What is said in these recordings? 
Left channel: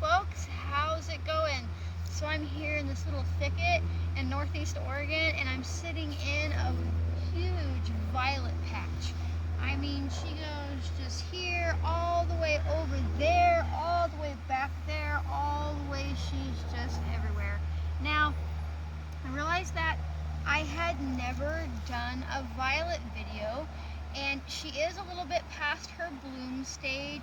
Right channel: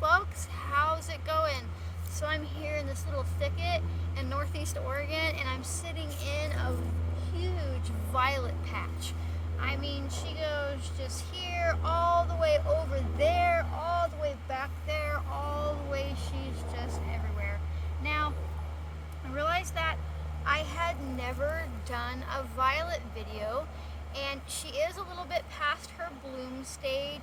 folks, how's it going? So I'm here in this little thicket in northeast Oregon, and I'm sitting in a huge violet patch. I mean, she goes just here, all the way over there, all the way back there, all the way, she's just everywhere. Now, I realized that I had never done a violet video, and she is a little bit past her bloom stage.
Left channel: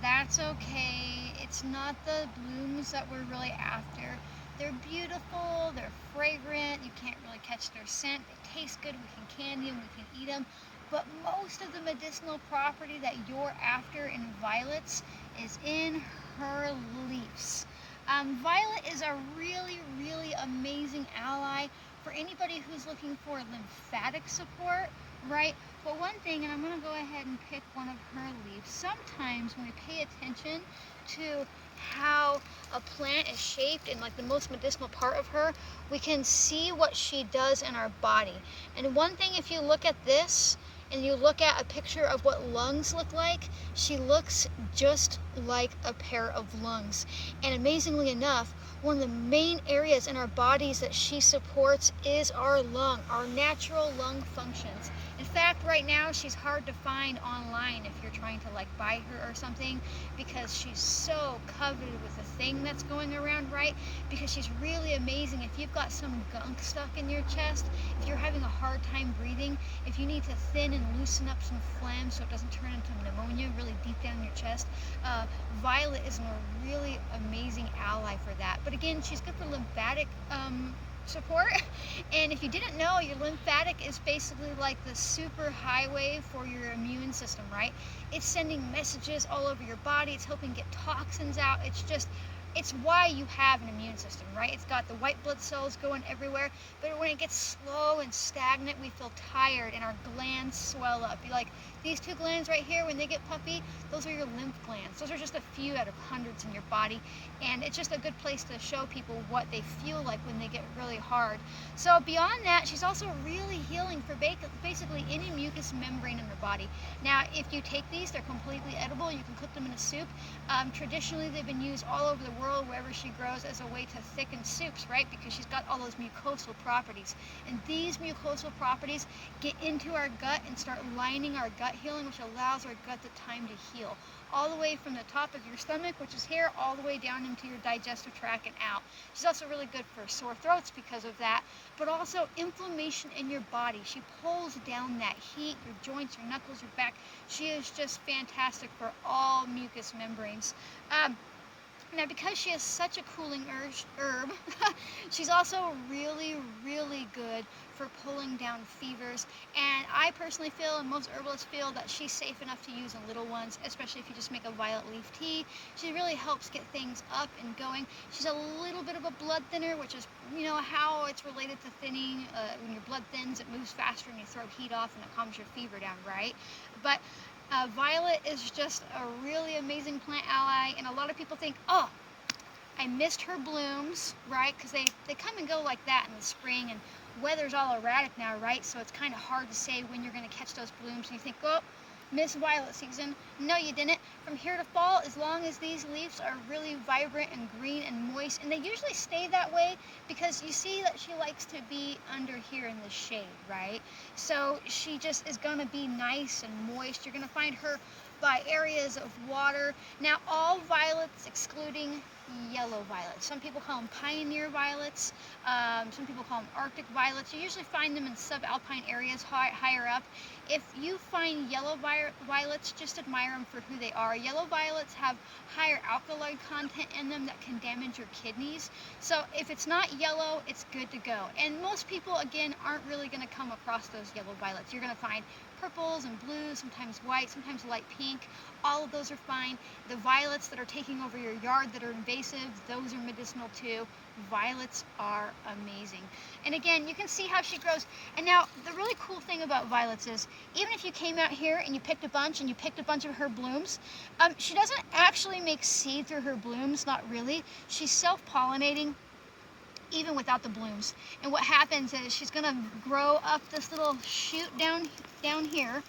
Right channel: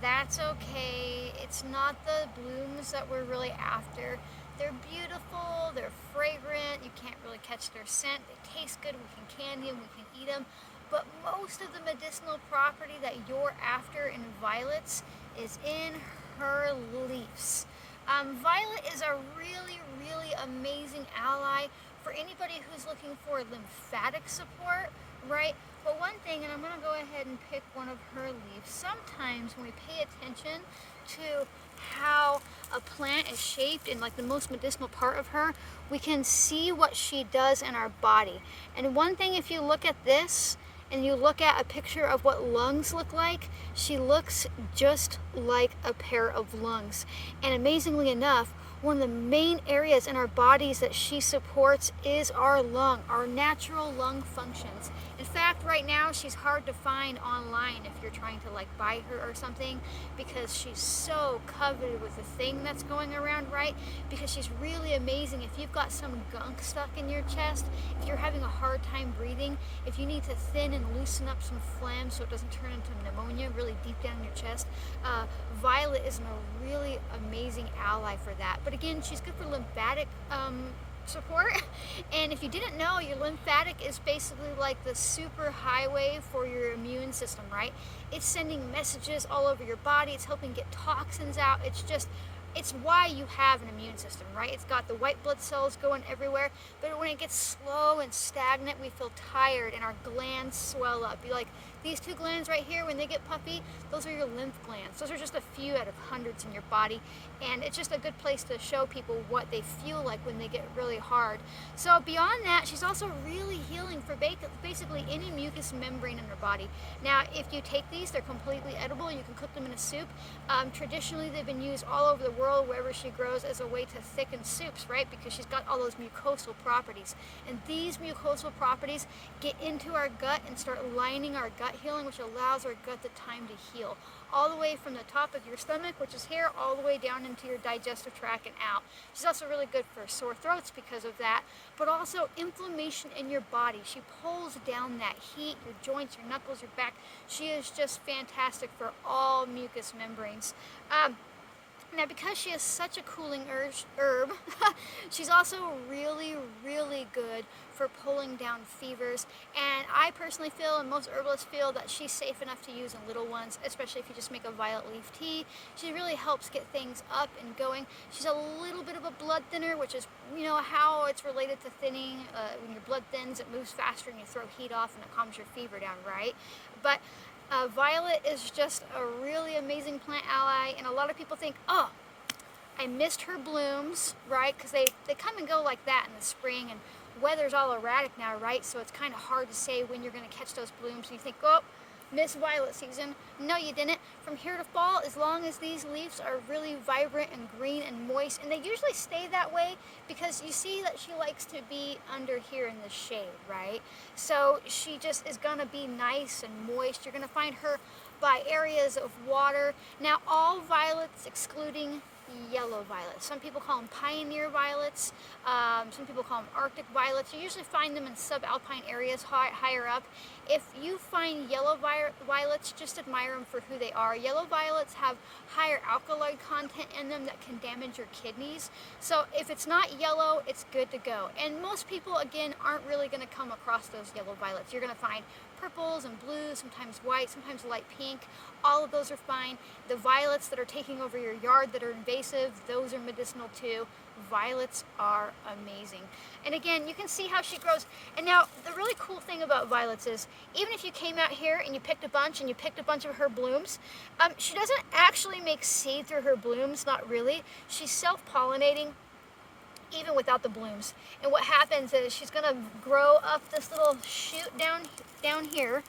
That's okay. It's not the blooms that we're really after. They're beautiful, they're fragrant, you can't really catch their scent, they taste good, we can candy them, we can eat them. But most of the medicinal property that you're after in violets is in her leaves. Violet is a really amazing ally for anybody who's looking for lymphatic support, right? But one thing, and I'm going to go ahead and pick one of her leaves, sometimes when we pay attention to how a plant is shaped and like the most medicinal part of her, we can see what she does in our body. And one thing, if you look at this and you look at a picture of what lungs look like, she looks just like a pair of lungs. And amazingly enough, one of the main areas in our bodies that she supports is our lung, our natural lung functions. In fact, right now she's hard to find online if you're trying to like buy her or something, because she's so coveted with the thing that's going around, right? Because she's really amazing. If you've got some gunk stuck in your chest, if you're having a hard time breathing, if you need to thin and loosen up some phlegm so it doesn't turn into pneumonia really deep down in your chest, Violet is a really amazing ally for that. But again, she's good for lymphatic support. And if you didn't know, your lymphatic is basically like the super highway for your immune system, right? It's sending messages all over your body, it's helping get toxins out. It's why you have an immune system, right? It's got the white blood cells going everywhere, but when it gets slow and stagnant, we feel tired and our glands swell up. Like these two glands right here, when they get puffy, those are your lymph glands. Those are just a few out of hundreds in your body, and it's just a good place to show people what they feel like when they get really hard. So beyond that, she's also really healing for basically any mucous membrane in her body. Now, if you take these, they're completely edible. You can cook them in a soup. Traditionally, they've been used all over the world wherever she grows as a way to thicken soups, right? Because she's got all those mucosal properties. And these mucosal properties get into our gut and start lining our gut healing, which allows our gut the time to heal. All the way from the top of your stomach, which is here, all the way down into your digestive tract and out. She's also really good for sore throats because of that, but also inflammation in your body. She pulls down that heat, your joints, your knuckles, your back. She is just fantastic for all mucous membranes. Now, because she is such a cooling herb, she's also really good for pulling down fevers. And I personally feel, and most herbalists feel, that she's safe enough to use in little ones, especially if you just make a violet leaf tea. She really helps get things up and going. She's a little bit of a blood thinner, which is, how it's related to thinning. When your blood thins, it moves faster and you throw heat off and it calms your fever down, right? But Violet is just a really amazing plant ally, and a lot of people think, oh, I missed her blooms, right? Because they come and go like that in the spring, and weather's all erratic now, right? So it's kind of hard to say when you're going to catch those blooms, and you think, oh, missed violet season. No, you didn't. From here to fall, as long as these leaves are really vibrant and green and moist, and they usually stay that way because you see that she likes to be under here in the shade, right? So she just is gonna be nice and moist. You're gonna find her by areas of water. Now, all violets excluding yellow violets. Some people call them pioneer violets. Some people call them Arctic violets. You usually find them in subalpine areas higher up. If you find yellow violets, just admire them for who they are. Yellow violets have higher alkaloid content in them that can damage your kidneys. So if it's not yellow, it's good to go. And most people, again, aren't really going to come across those yellow violets. You're going to find purples and blues, sometimes white, sometimes light pink. All of those are fine. The violets that are taking over your yard that are invasive, those are medicinal too. Violets are amazing. And again, you can see how she grows. And now, the really cool thing about violets is, even if you came out here and you picked a bunch of her blooms, she doesn't actually make seed through her blooms, not really. She's self-pollinating even without the blooms. And what happens is she's gonna grow up this little shoot down here.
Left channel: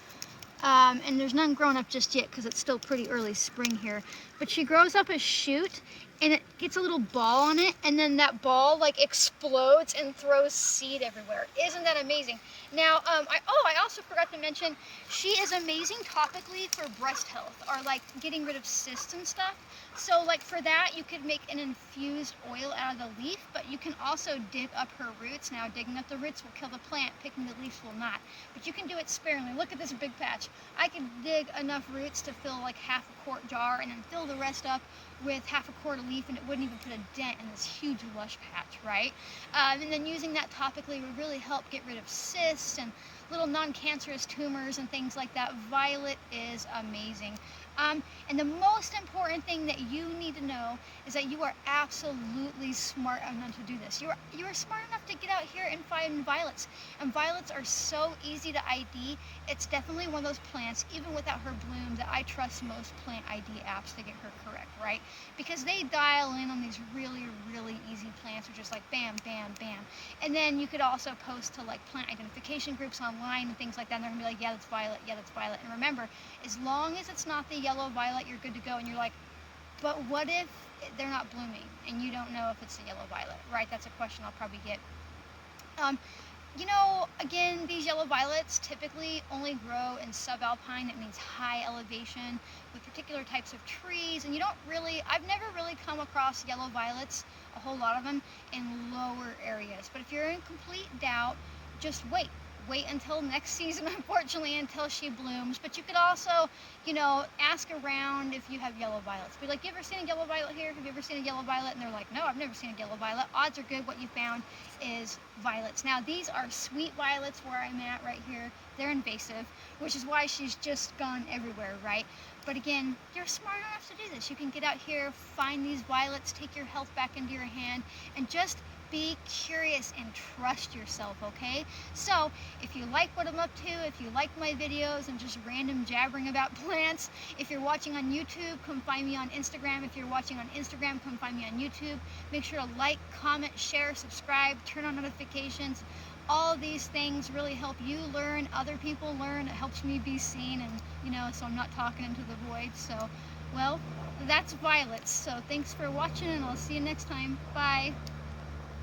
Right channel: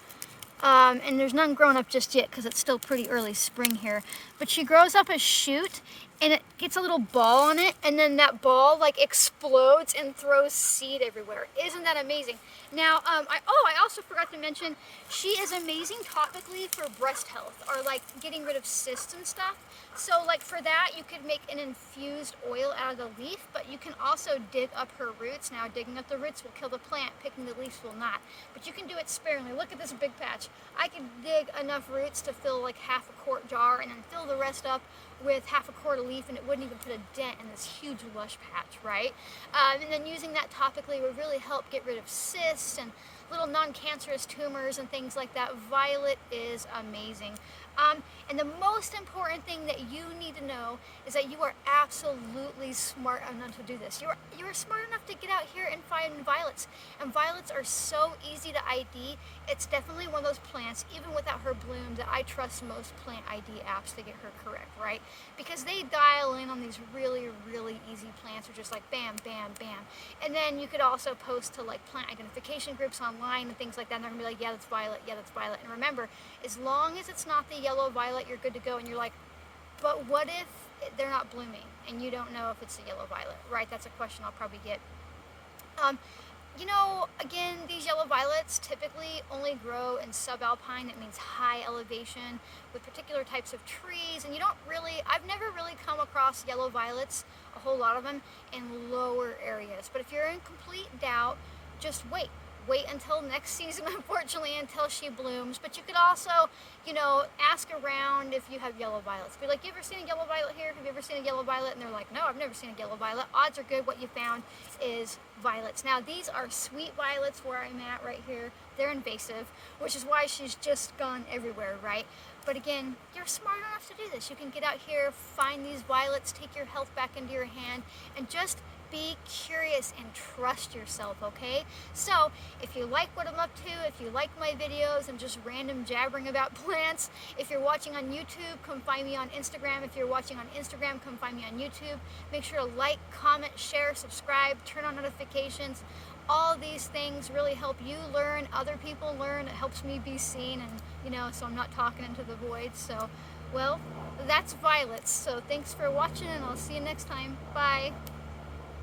And there's none grown up just yet because it's still pretty early spring here. but she grows up a shoot and it gets a little ball on it, and then that ball like explodes and throws seed everywhere. Isn't that amazing? Now, I also forgot to mention, she is amazing topically for breast health or like getting rid of cysts and stuff. So like for that, you could make an infused oil out of the leaf, but you can also dig up her roots. Now, digging up the roots will kill the plant, picking the leaves will not. But you can do it sparingly. Look at this big patch. I could dig enough roots to fill like half a quart jar and then fill the rest up with half a quart of leaf, and it wouldn't even put a dent in this huge lush patch, right? And then using that topically would really help get rid of cysts and little non-cancerous tumors and things like that. Violet is amazing. And the most important thing that you need to know is that you are absolutely smart enough to do this. You are smart enough to get out here and find violets. And violets are so easy to ID. It's definitely one of those plants, even without her bloom, that I trust most plant ID apps to get her correct, right? Because they dial in on these really, really easy plants, which is like bam, bam, bam. And then you could also post to like plant identification groups online and things like that, and they're gonna be like, yeah, that's violet, yeah, that's violet. And remember, as long as it's not the yellow violet, you're good to go. And you're like, but what if they're not blooming and you don't know if it's the yellow violet, right? That's a question I'll probably get. You know, again, these yellow violets typically only grow in subalpine. That means high elevation with particular types of trees. And I've never really come across yellow violets, a whole lot of them, in lower areas. But if you're in complete doubt, just wait. Wait until next season, unfortunately, until she blooms. But you could also, ask around if you have yellow violets. Be like, you ever seen a yellow violet here? Have you ever seen a yellow violet? And they're like, no, I've never seen a yellow violet. Odds are good what you found is violets. Now, these are sweet violets where I'm at right here. They're invasive, which is why she's just gone everywhere, right? But again, you're smart enough to do this. You can get out here, find these violets, take your health back into your hand, and just be curious and trust yourself, okay? So, if you like what I'm up to, if you like my videos and just random jabbering about plants, if you're watching on YouTube, come find me on Instagram. If you're watching on Instagram, come find me on YouTube. Make sure to like, comment, share, subscribe, turn on notifications. All these things really help you learn, other people learn. It helps me be seen, and so I'm not talking into the void. So, well, that's violets. So thanks for watching, and I'll see you next time. Bye.